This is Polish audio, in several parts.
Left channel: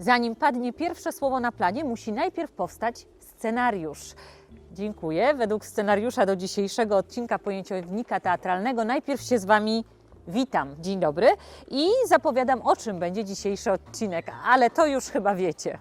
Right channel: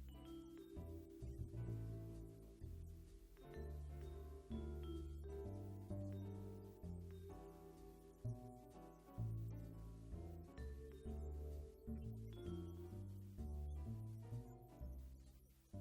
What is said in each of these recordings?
Zanim padnie pierwsze słowo na planie, musi najpierw powstać scenariusz. Dziękuję. Według scenariusza do dzisiejszego odcinka pojęciownika teatralnego najpierw się z Wami witam. Dzień dobry i zapowiadam, o czym będzie dzisiejszy odcinek, ale to już chyba wiecie.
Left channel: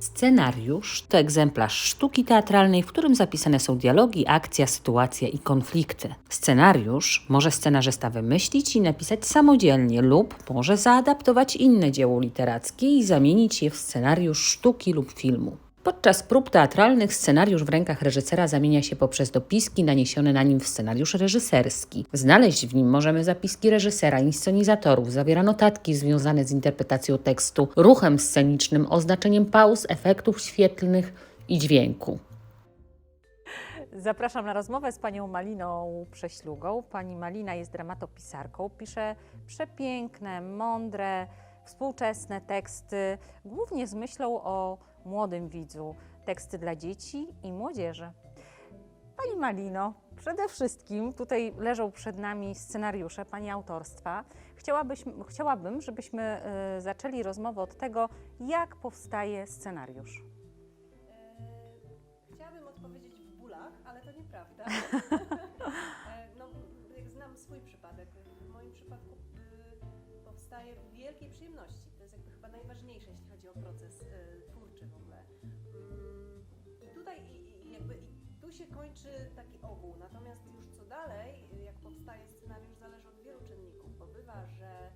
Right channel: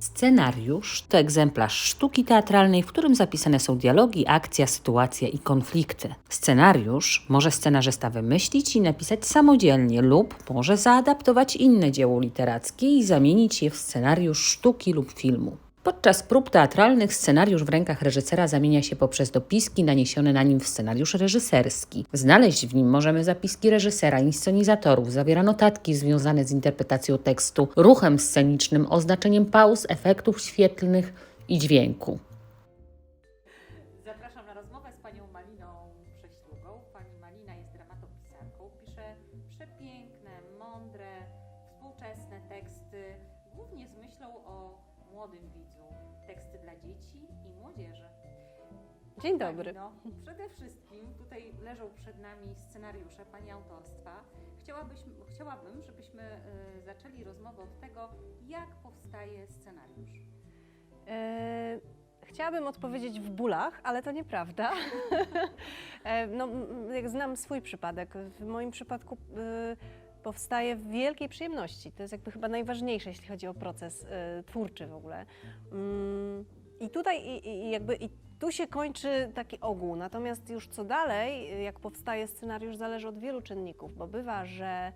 Scenariusz to egzemplarz sztuki teatralnej, w którym zapisane są dialogi, akcja, sytuacja i konflikty. Scenariusz może scenarzysta wymyślić i napisać samodzielnie lub może zaadaptować inne dzieło literackie i zamienić je w scenariusz sztuki lub filmu. Podczas prób teatralnych scenariusz w rękach reżysera zamienia się poprzez dopiski naniesione na nim w scenariusz reżyserski. Znaleźć w nim możemy zapiski reżysera, inscenizatorów, zawiera notatki związane z interpretacją tekstu, ruchem scenicznym, oznaczeniem pauz, efektów świetlnych i dźwięku. Zapraszam na rozmowę z panią Maliną Prześlugą. Pani Malina jest dramatopisarką, pisze przepiękne, mądre, współczesne teksty, głównie z myślą o młodym widzu, teksty dla dzieci i młodzieży. Pani Dzień dobry. Malino, przede wszystkim tutaj leżą przed nami scenariusze Pani autorstwa. Chciałabym, żebyśmy y, zaczęli rozmowę od tego, jak powstaje scenariusz. E, Chciałabym odpowiedzieć w bólach, ale to nieprawda. E, no, jak znam swój przypadek, w moim przypadku y, powstaje w wielkiej przyjemności. To jest jakby chyba najważniejsze, jeśli chodzi o proces y, twórczy w ogóle. Mm, I tutaj i, i jakby i tu się kończy taki ogół. Natomiast już co dalej, jak powstaje scenariusz, zależy od wielu czynników, bo bywa, że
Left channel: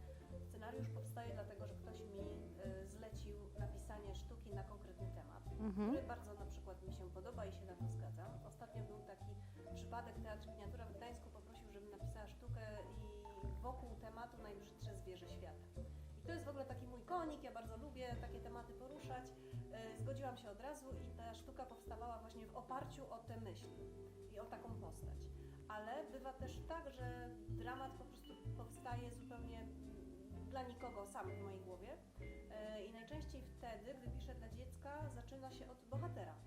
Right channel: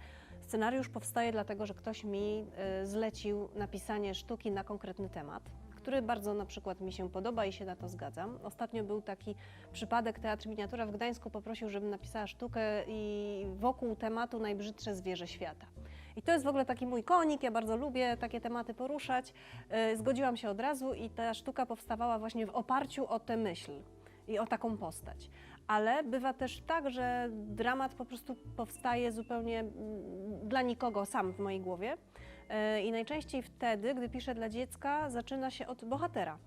scenariusz powstaje dlatego, że ktoś mi y, zlecił napisanie sztuki na konkretny temat który bardzo na przykład mi się podoba i się na to zgadzam. Ostatnio był taki przypadek, Teatr Miniatura w Gdańsku poprosił, żebym napisała sztukę i wokół tematu najbrzydsze zwierzę świata. I to jest w ogóle taki mój konik, ja bardzo lubię takie tematy poruszać. Yy, Zgodziłam się od razu i ta sztuka powstawała właśnie w oparciu o tę myśl i o taką postać. Ale bywa też tak, że dramat po prostu powstaje zupełnie mm, dla nikogo sam w mojej głowie. E, I najczęściej wtedy, gdy piszę dla dziecka, zaczyna się od bohatera.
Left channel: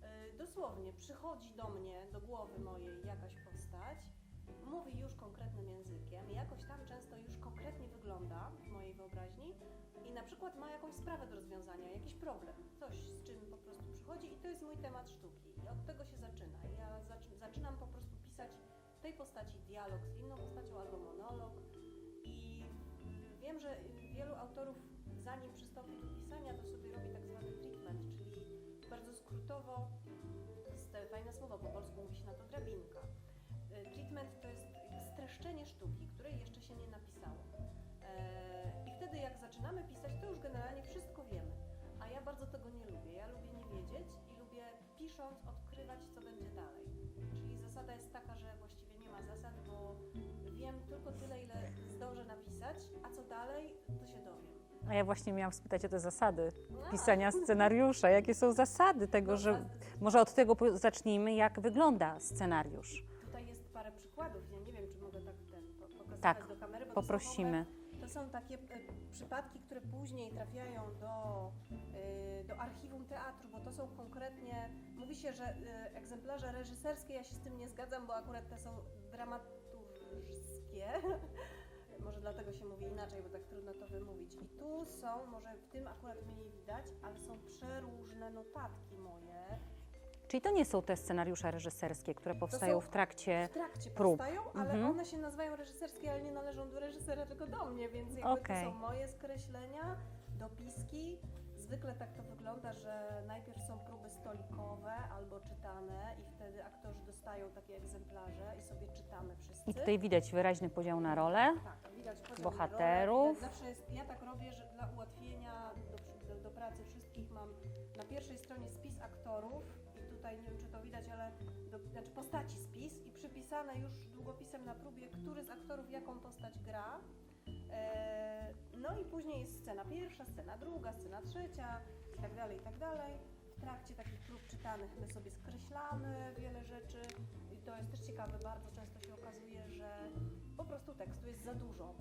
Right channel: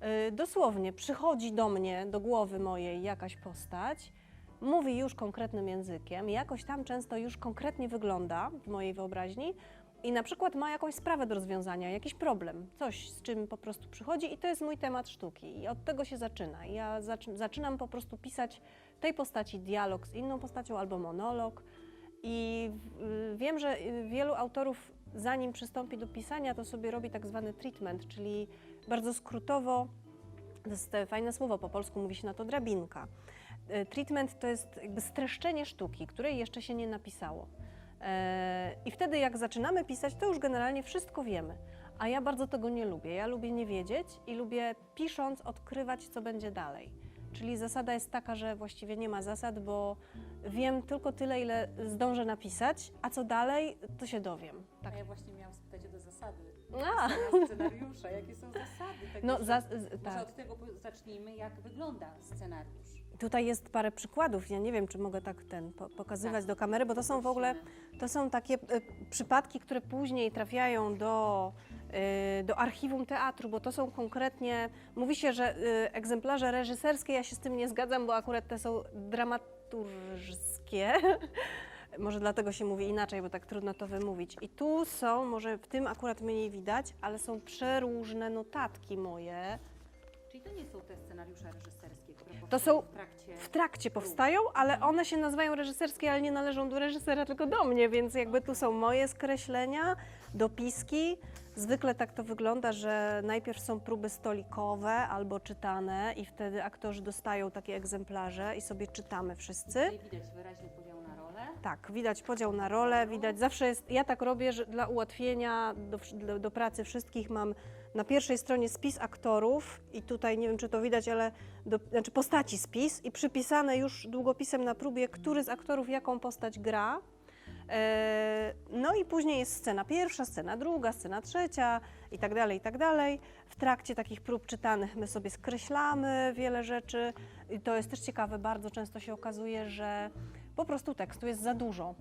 E, Dosłownie przychodzi do mnie, do głowy mojej jakaś postać, mówi już konkretnym językiem, jakoś tam często już konkretnie wygląda w mojej wyobraźni i na przykład ma jakąś sprawę do rozwiązania, jakiś problem, coś z czym po prostu przychodzi i to jest mój temat sztuki i od tego się zaczyna. Ja zaczy- zaczynam po prostu pisać tej postaci dialog z inną postacią albo monolog. I y, wiem, że y, wielu autorów, zanim przystąpi do pisania, to sobie robi tak zwany treatment, czyli bardzo skrótowo, to jest fajne słowo, po polsku mówi się na to drabinka. E, Treatment to jest jakby streszczenie sztuki, której jeszcze się nie napisało. E, I wtedy, jak zaczynamy pisać, to już generalnie wszystko wiemy. A ja bardzo tego nie lubię. Ja lubię nie wiedzieć i lubię pisząc odkrywać, co będzie dalej. Czyli zasada jest taka, że właściwie nie ma zasad, bo wiem tylko tyle, ile zdążę napisać, a co dalej, to się dowiem. A ja właśnie miałam spytać o te zasady A. pisania scenariusza. Jakie są zasady tego, No, że... z- Może tak. od tego po- zacznijmy, jak wygląda scenariusz. Tutaj jest parę przykładów. Ja nie wiem, czy mogę tak ten po, pokazywać Tak, do kamery, bo to są w ogóle to są takie e, przypadki, które później trafiają do, e, do archiwum teatru, bo to są konkretnie. Mówi się, że e, egzemplarze reżyserskie, ja się z tym nie zgadzam, bo akurat te są dramaturżskie. Może dlatego się mówi inaczej, bo tak trudno to wymówić. I tu są, może w tym akurat mniej widać, ale są przeróżne notatki moje. Czyli to nie są te scenariusze reżyserskie, które powstają są w trakcie... w trakcie prób. powstają, ale Mhm. one się nazywają reżyserskie, ale nie należą do reżysera, tylko do mnie, więc jakby tu Okej. są moje skreślenia, dopiski. Zwykle tak to wygląda, że najpierw są próby stolikowe albo czytane i wtedy aktorzy dostają takie egzemplarze i sobie czytamy I wszyscy. tutaj widać wyraźny podział na role. Tak, widać podział na role, bohaterów. widać zawsze jest, ja tak robię, że dla ułatwienia do, do, do pracy wszystkich mam na pierwszej stronie spis aktorów i tutaj nie wiem czy to widać, ale do, znaczy postaci spis i przypisane już długopisem na próbie, który z aktorów jaką postać gra. E, No i później jest scena pierwsza, scena druga, scena trzecia i tak dalej, i tak dalej. W trakcie takich prób czytanych my sobie skreślamy wiele rzeczy i to jest też ciekawe, bardzo często się okazuje, że po prostu tekstu jest za dużo.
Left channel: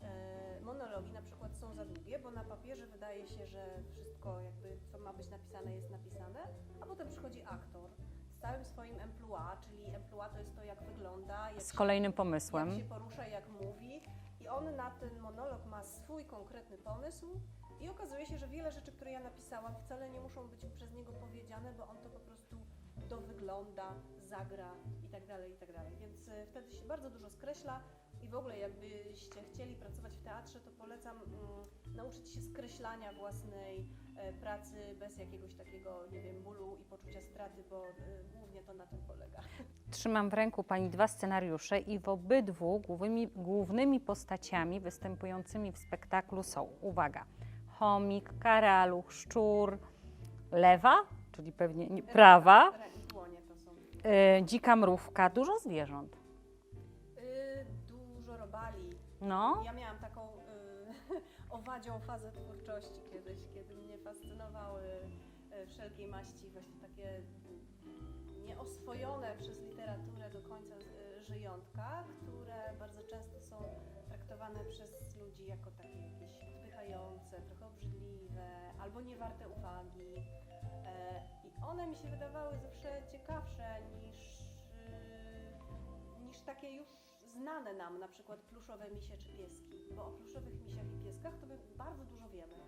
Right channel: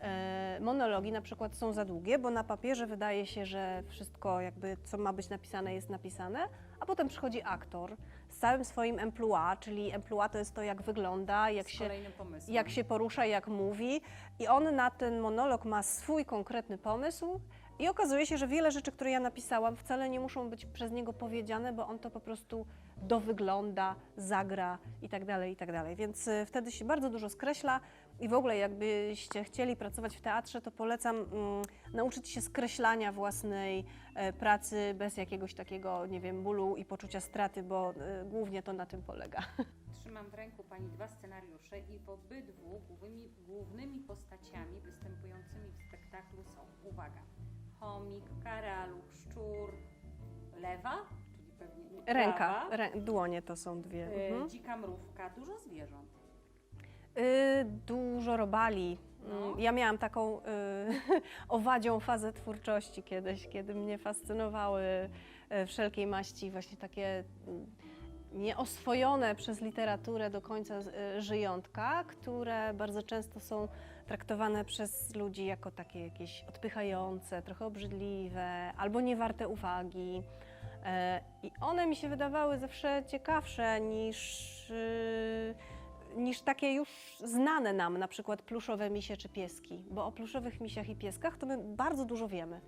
E, Monologi na przykład są za długie, bo na papierze wydaje się, że wszystko jakby co ma być napisane jest napisane, a potem przychodzi aktor z całym swoim emploi, czyli emploi to jest to jak wygląda, jak z się kolejnym pomysłem. jak się porusza, jak mówi. I on na ten monolog ma swój konkretny pomysł I okazuje się, że wiele rzeczy, które ja napisałam, wcale nie muszą być przez niego powiedziane, bo on to po prostu dowygląda, zagra i tak dalej, i tak dalej. Więc y, wtedy się bardzo dużo skreśla i w ogóle jakbyście chcieli pracować w teatrze, to polecam mm, nauczyć się skreślania własnej e, pracy bez jakiegoś takiego, nie wiem, bólu i poczucia straty, bo y, głównie to na tym polega. Trzymam w ręku Pani dwa scenariusze i w obydwu głównymi, głównymi postaciami występującymi w spektaklu są, uwaga, chomik, karaluch, szczur, lewa, czyli pewnie nie, prawa, Ręka, rę, dłonie to są dwie. e, no. dzika mrówka, dużo zwierząt. Y, dużo robali. No. Mm, Ja miałam taką y, owadzią fazę twórczości kiedyś, kiedy mnie fascynowały y, wszelkiej maści właśnie takie mm, nieoswojone przez literaturę do końca y, żyjątka, które bardzo często są traktowane przez ludzi jako takie jakieś odpychające, trochę obrzydliwe albo niewarte uwagi. E, I one mi się wydawały zawsze ciekawsze niż, y, niż takie już znane nam, na przykład pluszowe misie czy pieski. Bo o pluszowych misiach i pieskach to my bardzo dużo wiemy.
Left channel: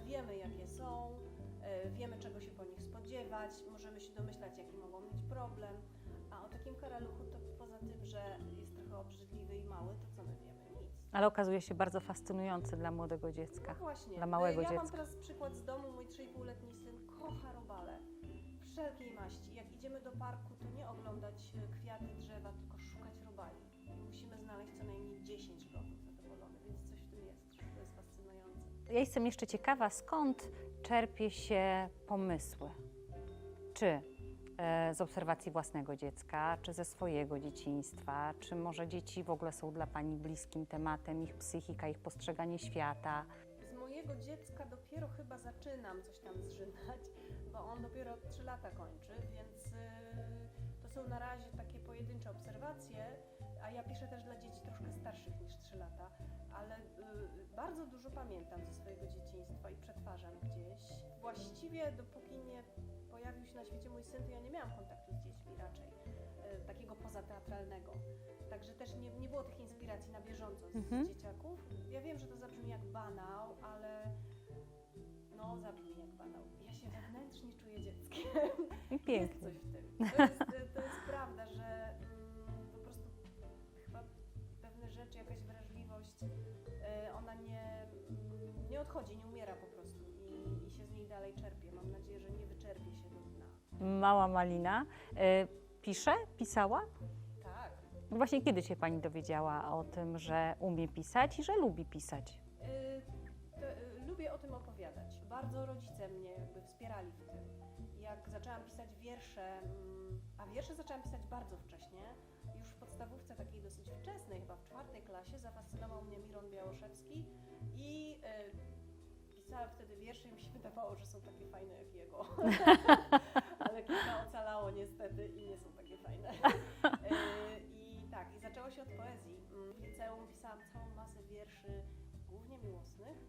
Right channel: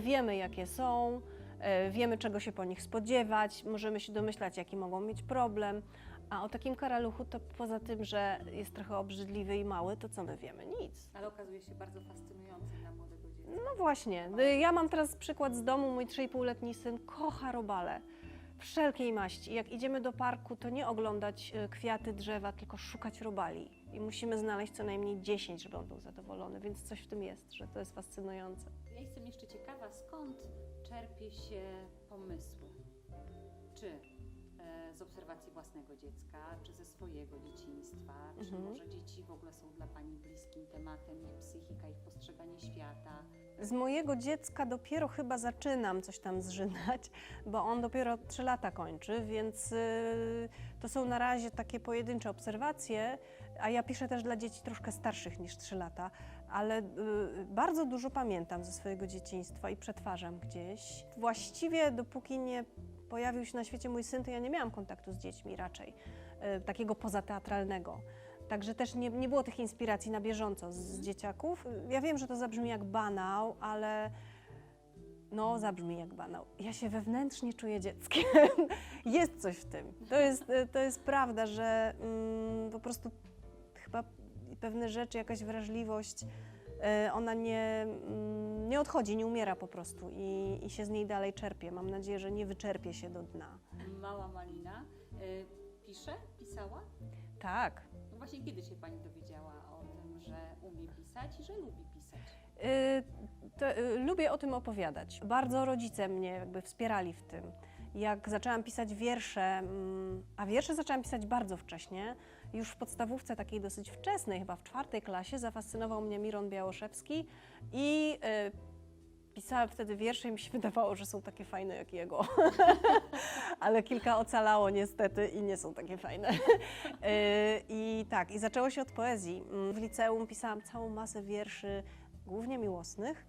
Wiemy, jakie są, e, wiemy, czego się po nich spodziewać, możemy się domyślać, jaki mogą mieć problem. A o takim karaluchu to poza tym, że jest trochę obrzydliwy i mały, to co my wiemy? Nic. Ale okazuje się bardzo fascynujący dla młodego dziecka. No właśnie. Ja mam dziecka. teraz przykład z domu. Mój 3,5-letni syn kocha robale. Wszelkiej maści. Jak idziemy do parku, to nie oglądać e, kwiaty, drzewa, tylko szukać robali. I musimy znaleźć co najmniej 10, żeby on był zadowolony. Więc coś w tym jest, że to jest fascynujące. Ja jestem jeszcze ciekawa, skąd czerpie się pomysły? Czy z obserwacji własnego dziecka, czy ze swojego dzieciństwa, czy Mhm. może dzieci w ogóle są dla Pani bliskim tematem, ich psychika, ich postrzeganie świata? Z mojego dziecka dopiero chyba zaczynam coś tam zżynać, bo on dopiero 3 lata kończy, więc y, to są na razie takie pojedyncze obserwacje, a ja piszę też dla dzieci troszkę starszych niż 3 lata, ale y, bardzo dużo pamiętam ze swojego dzieciństwa i przetwarzam gdzieś. Właściwie dopóki nie pojawił się na świecie mój syn, to ja nie miałam kontaktu z dziećmi raczej, y, takiego pozateatralnego. Także też nie, nie było tych inspiracji na bieżąco z, Mhm. z dzieciaków. Ja wiem, że to zabrzmi jak banał, ale no zabrzmi jak banał. Ja się wewnętrznie czuję dzieckiem. jest coś w tym. To jest, to jest prawda, że mm, po prostu chyba pewne rzeczy, jakaś wrażliwość, e, ona nie, mm, nie odchodzi, nie umiera po prostu i, i się z niej dalej czerpie. Mam nadzieję, że nie wyczerpie się do dna. Mała Malina e, pisze, pisała? Tak. No Właśnie kiedy się Pani dowiedziała o tym, że umie pisać i że lubi pisać? Y, to, lubię o tym opowiadać. Bardzo rodzice mnie jakby wspierali w tym. Jak zaczęłam pisać wiersze, mm, a wiersze zaczęłam pisać bardzo wcześnie, już w podstawówce takiej dosyć wczesnej, chyba w czwartej klasie, zafascynował mnie Miron Białoszewski i y, pisałam wtedy wiersze i mi się wydawało, że są takie fajne jak jego. Ale kilka ocalało niestety i nie są takie fajne. Y, I tak, i zaczęło się od poezji. Mm, W liceum pisałam całą masę wierszy, głównie miłosnych,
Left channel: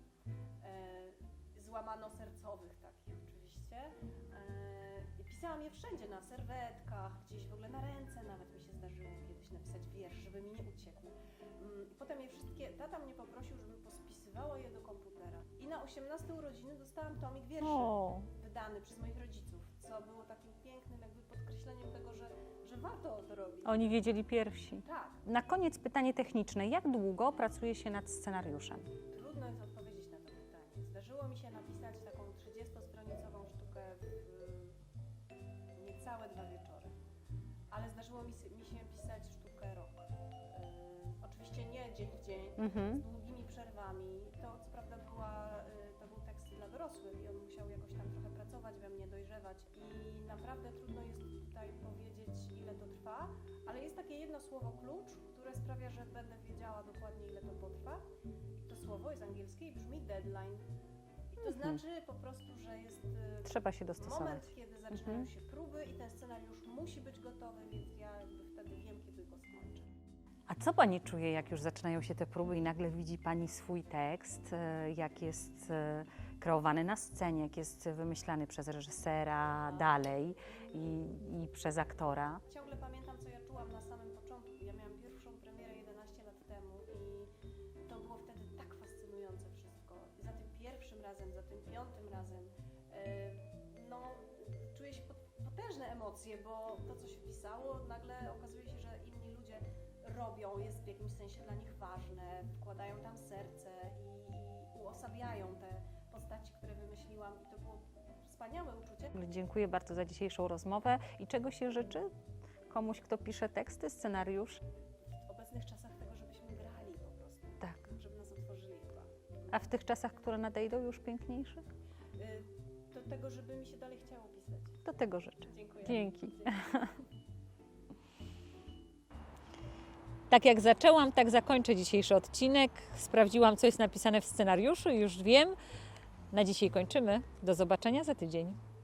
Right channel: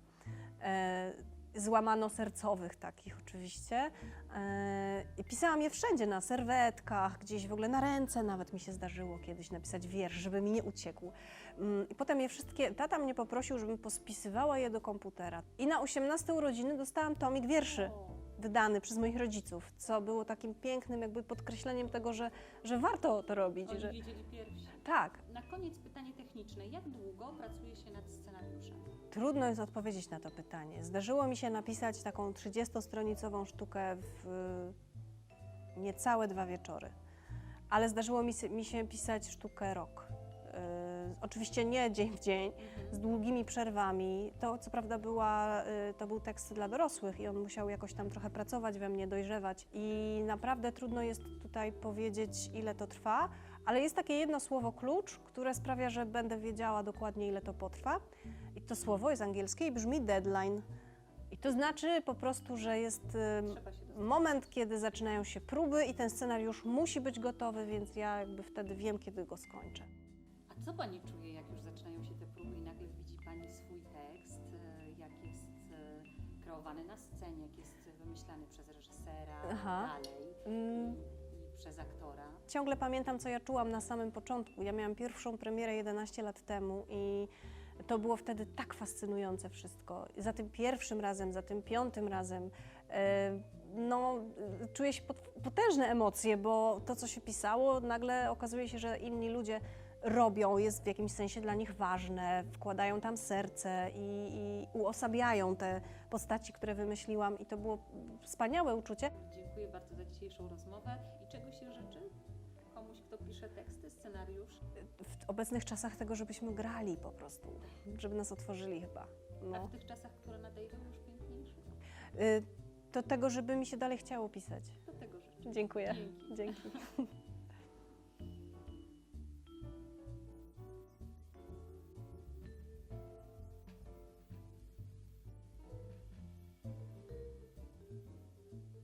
e, złamano-sercowych takich oczywiście. E, I pisałam je wszędzie, na serwetkach, gdzieś w ogóle na ręce nawet mi się zdarzyło kiedyś napisać wiersz, żeby mi nie uciekł. Mm, I potem je wszystkie, tata mnie poprosił, żebym pospisywała je do komputera. I na 18 urodziny dostałam tomik wierszy O, wydany przez moich rodziców, co było takim pięknym jakby podkreśleniem tego, że, że warto to robić. oni że... wiedzieli pierwsi. Tak, Na koniec pytanie techniczne. Jak długo pracuje się nad scenariuszem? trudno jest odpowiedzieć na to pytanie. Zdarzyło mi się napisać taką 30-stronicową sztukę w y, niecałe dwa wieczory, ale zdarzyło mi się, mi się pisać sztukę rok. Y, oczywiście nie dzień w dzień, z Mhm. długimi przerwami. To co prawda była, y, to był tekst dla dorosłych i on musiał jakoś tam trochę pracować we mnie, dojrzewać i naprawdę trudno jest tutaj powiedzieć, ile to trwa, ale jest takie jedno słowo klucz, które sprawia, że będę wiedziała dokładnie, ile to potrwa. I to słowo jest angielskie i brzmi deadline. I to znaczy po prostu, że jest y, Trzeba się dostosować. moment, kiedy zaczynają się próby i ten scenariusz musi być gotowy, więc ja jakby wtedy wiem, kiedy go skończę. A co Pani czuje, jak już zaczynają się te próby i nagle widzi Pani swój tekst, e, jak jest e, kreowany na scenie, jak jest wymyślany przez reżysera Aha. dalej Mm, i, i przez aktora. Ciągle pamiętam, co ja czułam na samym początku. Ja miałam pierwszą premierę 11 lat temu i to było wtedy tak fascynujące wszystko. Za tym pierwszym razem, za tym piątym razem, e, no, czuję się pot- potężne emocje, bo to, co się pisało, nagle okazuje się, że inni ludzie robią, jest w jakimś sensie dla nich ważne, wkładają tam serce i, i uosabiają te postaci, które wymyśliłam i to było wspaniałe uczucie. Dziękuję bardzo za dzisiejszą rozmowę i czego się życzy? Komuś, kto pisze teksty, scenariusz? w obecnych czasach tego, żebyśmy grali po prostu. Tak. Żeby nas otworzyli chyba. A No. w tych czasach, które nadejdą, już piękniejszych? To tego, żeby mi się dalej chciało pisać. Do tego życzę. Dziękuję. Dzięki. Dzięki. Tak jak zaczęłam, tak zakończę dzisiejszy odcinek. Sprawdziłam, co jest napisane w scenariuszu już wiem. Na dzisiaj kończymy. Do zobaczenia za tydzień.